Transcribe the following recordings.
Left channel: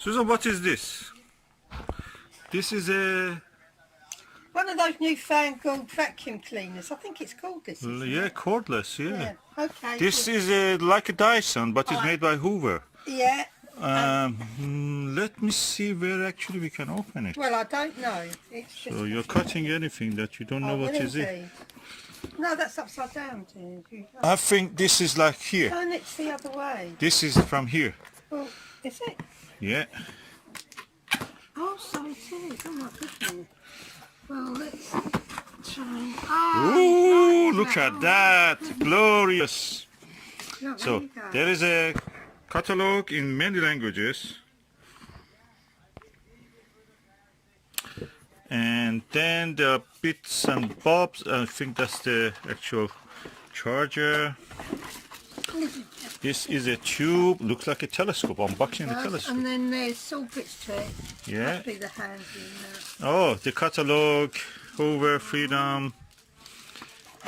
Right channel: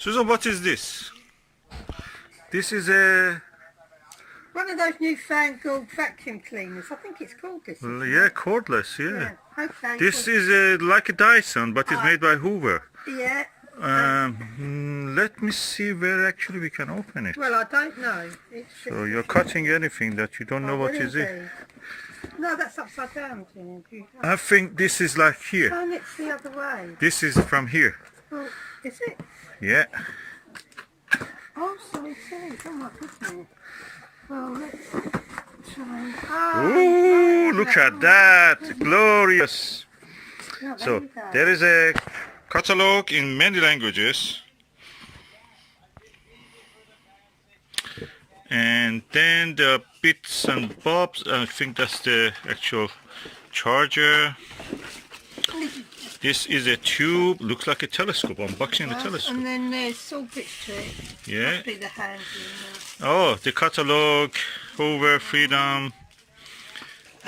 Susan, what is this? This is a... One of those newfangled vacuum cleaners. I think it's called this. Yeah, cordless, yeah. Okay. This is like a Dyson, but it's made by Hoover. Yeah. Let me see where actually we can open it. Well, I don't know. It's just So you're cutting anything that you don't know what is it. No, that's upside down. I think this is like here. Turn it the other way. This is from here. Well, is it? Yeah. Oh, so it is. Oh my goodness. Well, let's try and... Ooh, look at that. Glorious. No, So there is a catalog in many languages. And then the bits and bobs, I think that's the actual charger. This is a tube, looks like a telescope, unboxing the telescope. And then there's sockets to it. Yeah. Must be the handy. Oh, the catalog, Hoover, Freedom,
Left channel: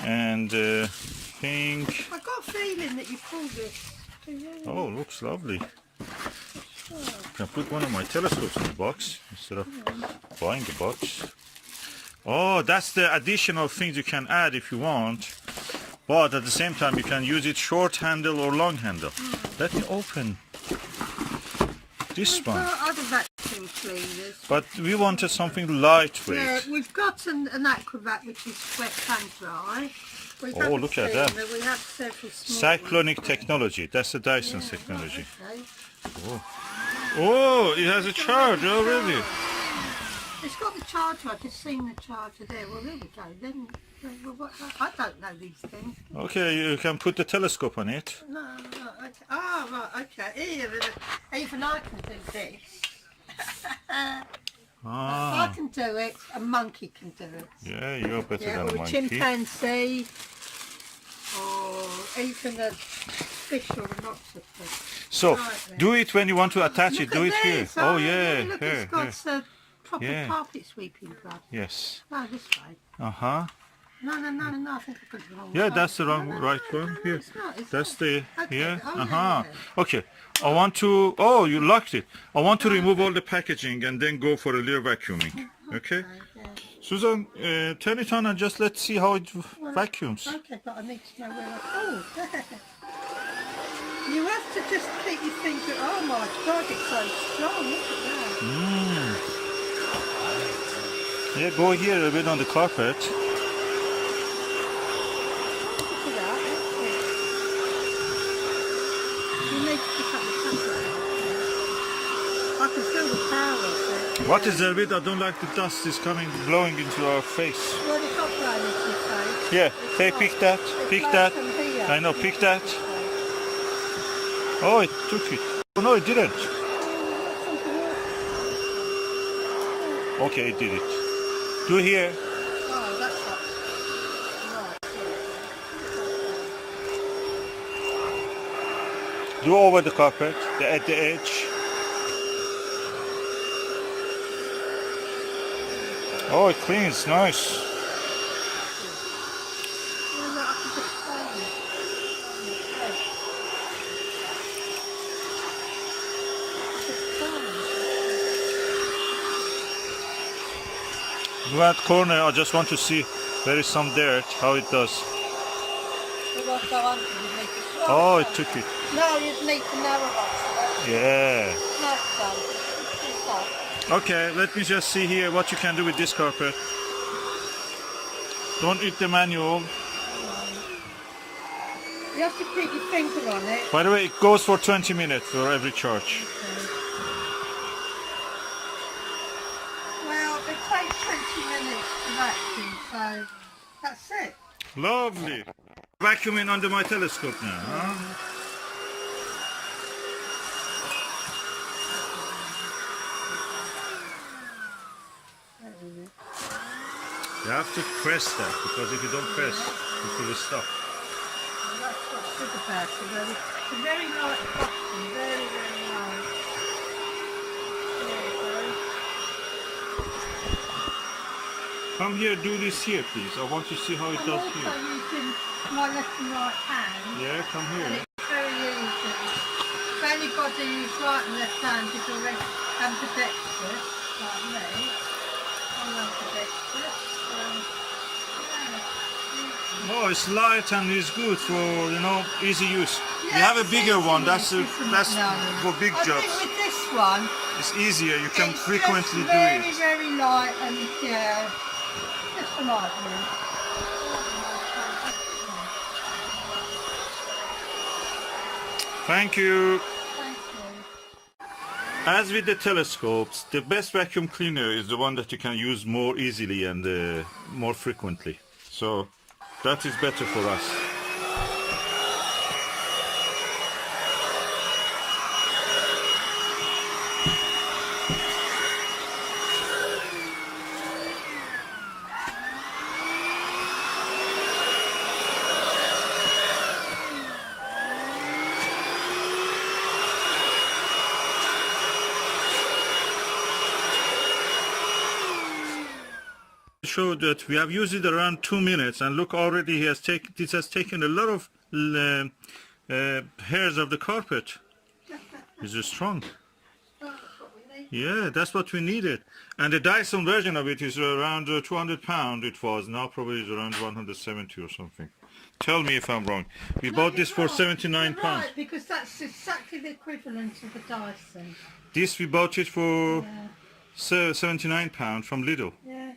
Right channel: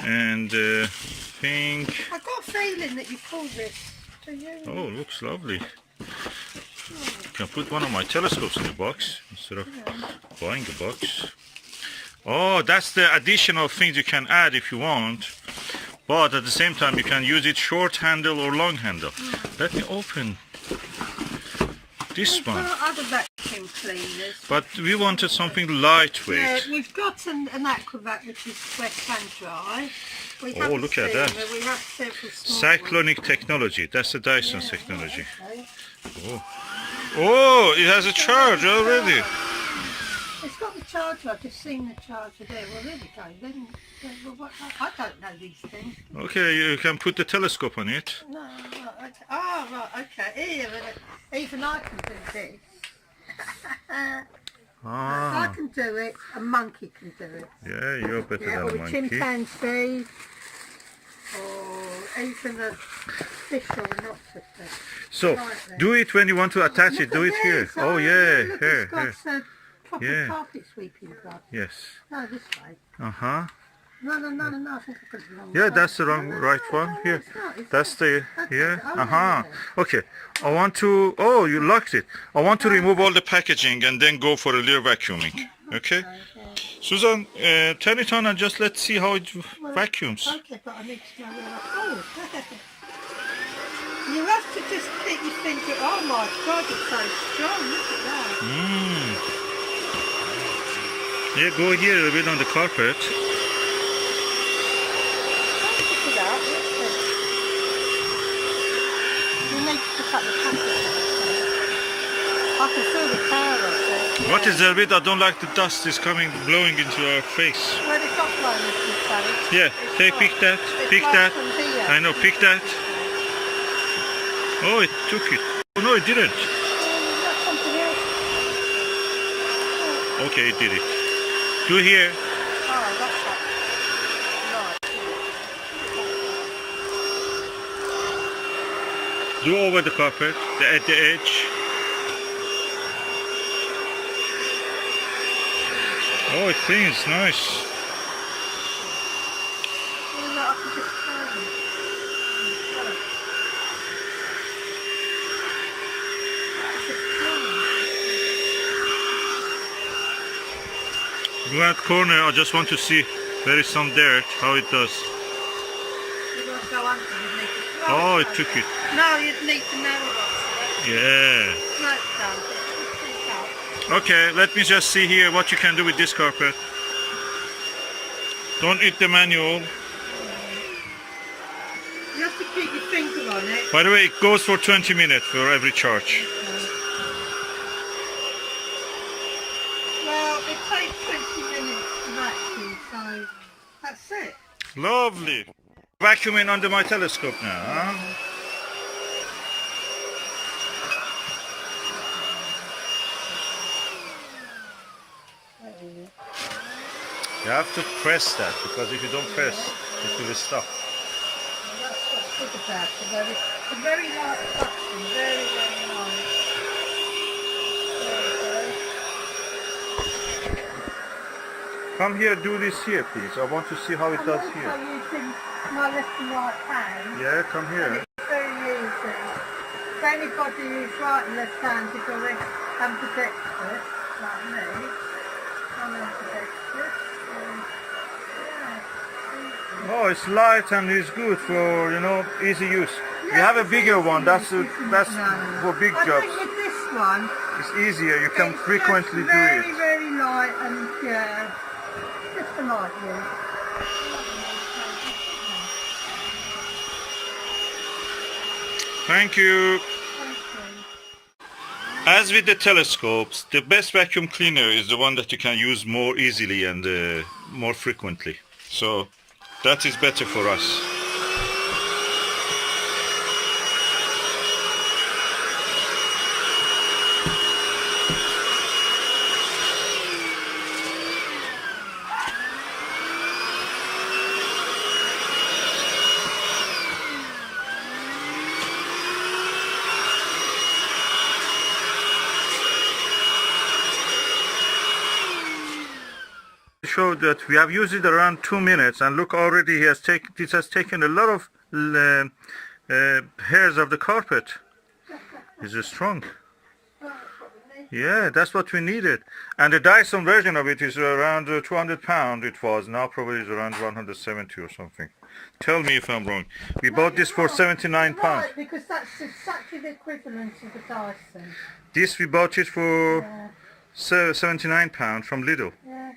and pink. I got a feeling that you pulled this. Do you? Oh, looks lovely. Can put one of my telescopes in the box instead of buying the box. Oh, that's the additional things you can add if you want, but at the same time you can use it short handle or long handle. Let me open this one. Other vacuum cleaners. But we wanted something lightweight. Yeah, we've got an Aquavac which is wet and dry. We Oh, look at that. We have several small Cyclonic technology. That's the Dyson technology. Okay. Oh. Oh, it has a charge already. It's got the charger. I've just seen the charger there. Well, there we go. Then, I don't know these things. Okay, you can put the telescope on it. No, right. Oh, right, okay. Even I can do this. If I can do it, a monkey can do it. Yeah, you're better than or a a monkey. chimpanzee, or even a fish or an octopus. So, do it when you want to attach it. Do it Look at here. this. Oh, yeah, Look, here, it's got here. proper carpet sweeping glove. Yes. No, this way. Uh-huh. No, I think I've got it wrong. Yeah, that's the wrong, right one. Here. It's not, it's That's not. the, Okay. yeah. Oh, Uh-huh. yeah. Okay. I want to, oh, you locked it. I want to remove all the packaging and then go for a little vacuuming. Okay? Yeah. Susan, turn it on and just let's see how it vacuums. Okay, but I need to know where I... Oh, you have to just keep your finger... Oh my God, it's so strong. Look at that. Yeah, go here a little bit on the carpet. Look at that. You need to pick up the package. I can feel the power of it. What is there with? I don't like the dust is coming, blowing into our face. Well, it's not blowing into your face. Yeah, It's take, like- pick that, it's pick like that. from here. I know, pick that. Oh, it took it. Oh, no, it didn't. That's something else. Okay, it did it. Do here. Oh, that's right. Do over the carpet, at the edge. Oh, it cleans, nice. Well, look, I can just turn it. In that corner, I just want to see where is some dirt, how it does. Oh, it took it. No, you'd need to narrow up. Yeah. No, it's done. It's done. Okay, let me just see here what you can do with this carpet. Don't eat the manual. You have to keep your finger on it. By the way, it goes for 20 minutes for every charge. Well, it takes 20 minutes to vacuum, so that's it. Lovely. Vacuuming under my telescope now, huh? You have to press that, because if you don't press, it will stop. That's what's good about it. It's a very light vacuum, very, very light. There you go. Come here, do this here, please. I want to see how it does I'm here. also using my left and right hand. Yeah, come here. It's very easy. For anybody who's right and left-handed already. ambidextrous, like me. I'm ambidextrous, so yeah. Oh, it's light and it's good for, you know, easy use. We Yeah, have a it's bigger easy one. That's use, isn't it, that's now? for big I jobs. think with this one, It's easier. You can it's frequently just do very, it. very light and yeah, just for light use. Thank you. Thank you. As with the telescopes, the best vacuum cleaner is the one that you can use more easily and more frequently. So that is better for us. Show that we have used it around 2 minutes, and look, already this has taken a lot of hairs of the carpet. It's strong. Yeah, that's what we needed. And the Dyson version of it is around 200 pound. It was now probably is around 170 or something. Tell me if I'm wrong. We bought this for 79 pounds. Right, because that's exactly the equivalent of the Dyson. This we bought it for 79 pounds from Lidl. Yeah.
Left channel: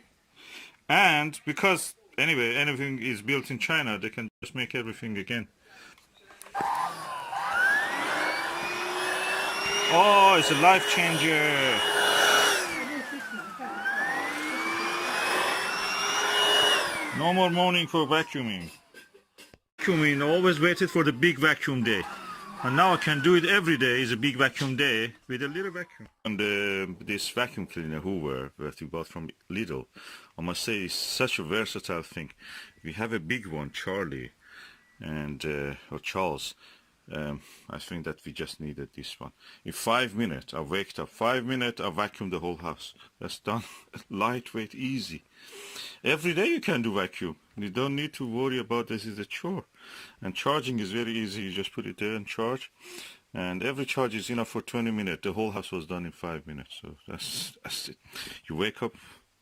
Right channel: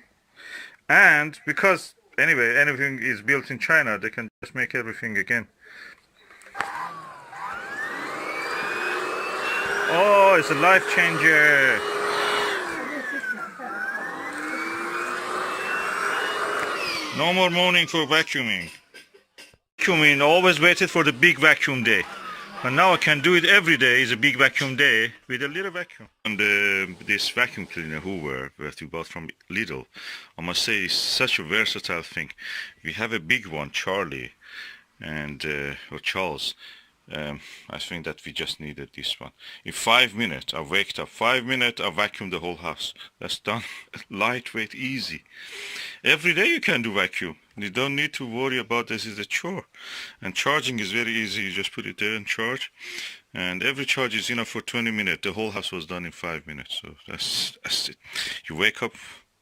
And because anyway anything is built in China, they can just make everything again. Oh, it's a life changer. No more mourning for vacuuming. Vacuuming always waited for the big vacuum day. And now I can do it every day. It's a big vacuum day with a little vacuum. And this vacuum cleaner Hoover that we bought from Lidl, I must say, is such a versatile thing. We have a big one, Charlie, and or Charles. I think that we just needed this one. In 5 minutes, I waked up. 5 minutes, I vacuumed the whole house. That's done. Lightweight, easy. Every day you can do vacuum. You don't need to worry about this is a chore. And charging is very easy. You just put it there and charge. And every charge is enough for 20 minutes. The whole house was done in 5 minutes. So that's it. You wake up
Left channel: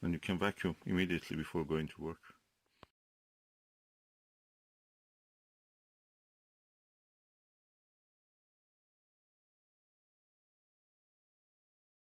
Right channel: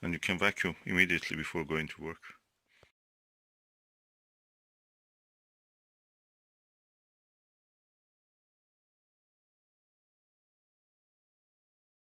and you can vacuum immediately before going to work.